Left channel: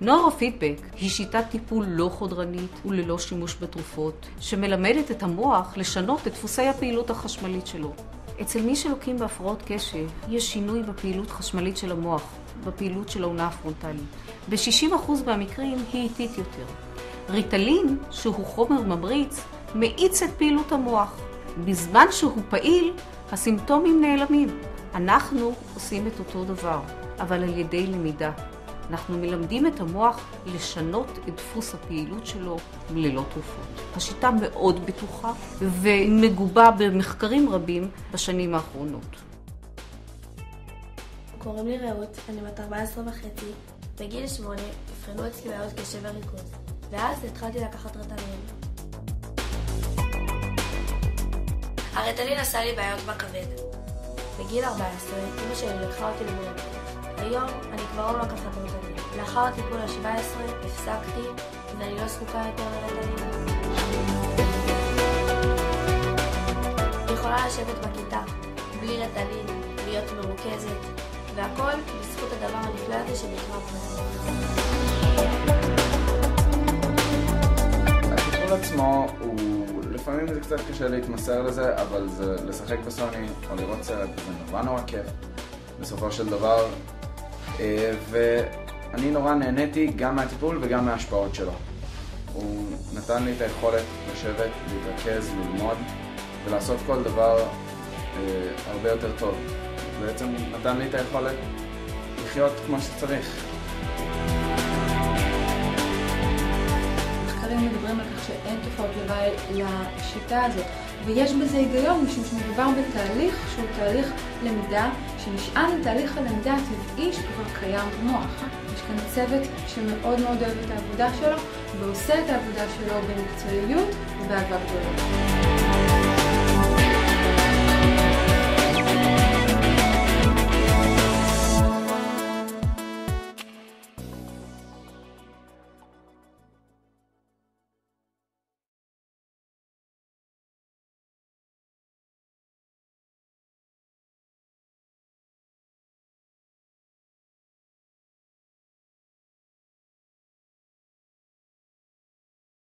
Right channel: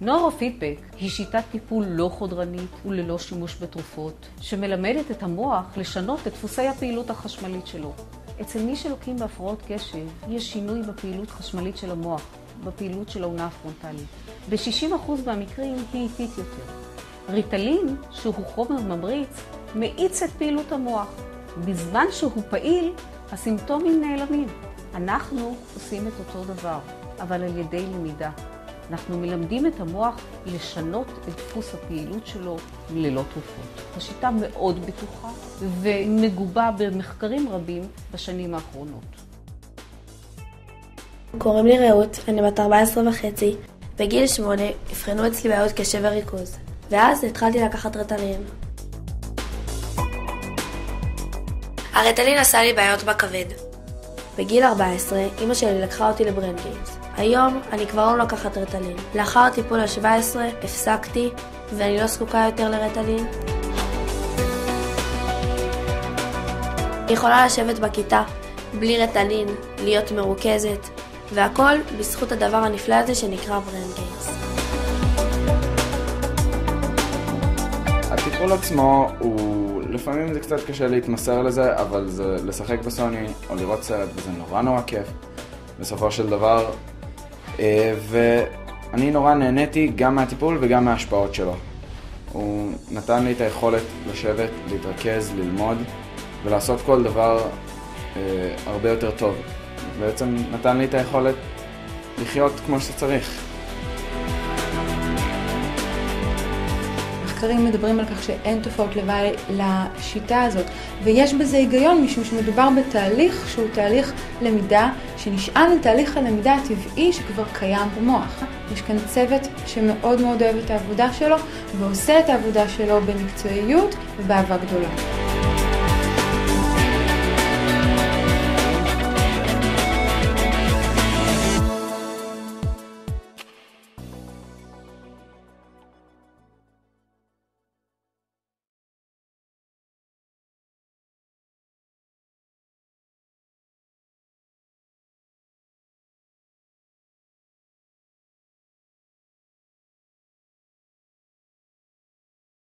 נוירופידבק היא שיטת טיפול לא חודרנית וללא שימוש בתרופות, שמלמדת את המוח לשנות את דפוסי הפעילות החשמלית שלו. אצל מי שלוקים בהפרעות קשב, יש שינוי בפעילות חשמלית של המוח, בפעילות של העונה הפרונטלית. ב-60% מהמקרים היא איטית יותר. ריטלין, שהוא חומר ממריץ, מאיץ את פעילות המוח. בזמן שהוא פעיל, הסימפטומים נעלמים. אנחנו עושים את אותו דבר, אבל על ידי למידה. אנחנו מלמדים את המוח לשנות את דפוס הפעילות שלו ללא תרופות. השיטה מאוד בטוחה ומגובה במחקרים רבים בשנים האחרונות. קוראים לי רעות, אני בת 14.5. בגיל 8 הבחנו אצלי בעיות קשב וריכוז, ואז התחלתי לקחת ריטלין. הריטלין עשה לי בעיות בכבד. בגיל 14 אמא שלי לקחה אותי לברנדגיימס. היום אני כבר לא לוקחת ריטלין. לאחר טיפול ה-17 הפסקתי ואני לא זקוקה יותר לריטלין. אני יכולה לשבת בכיתה בלי ריטלין, להיות מרוכזת, והכל בזכות הדבר הנפלא הזה שנקרא ברנדגיימס. הטיפול עצמו הוא לפעמים זה קצת קשה להתמסר לזה, אבל זה לשחק בסוני או לראות סרט, זה נורא כיף בסופו של דבר. ואני נורא נהניתי גם מהטיפול וגם מההשפעות שלו. הוא נתן לי את היכולת לשבת, להתרכז, ללמוד ולעשות כל דבר הרבה יותר טוב. בעצם נתן לי את היכולת לחיות כמו שצריך. מחקרים מדברים על כך שאין תופעות לוואי לשיטה הזאת, ויש בזה היגיון משום שמדובר בתהליך שהוא תהליך למידה שנשען על תהליך הלמידה הטבעי שכבר קיים במוח. יש כאן צוות שמאוד מאוד אוהב את העבודה שלו ועושה את העבודה שלו במקצועיות ובאהבה גדולה.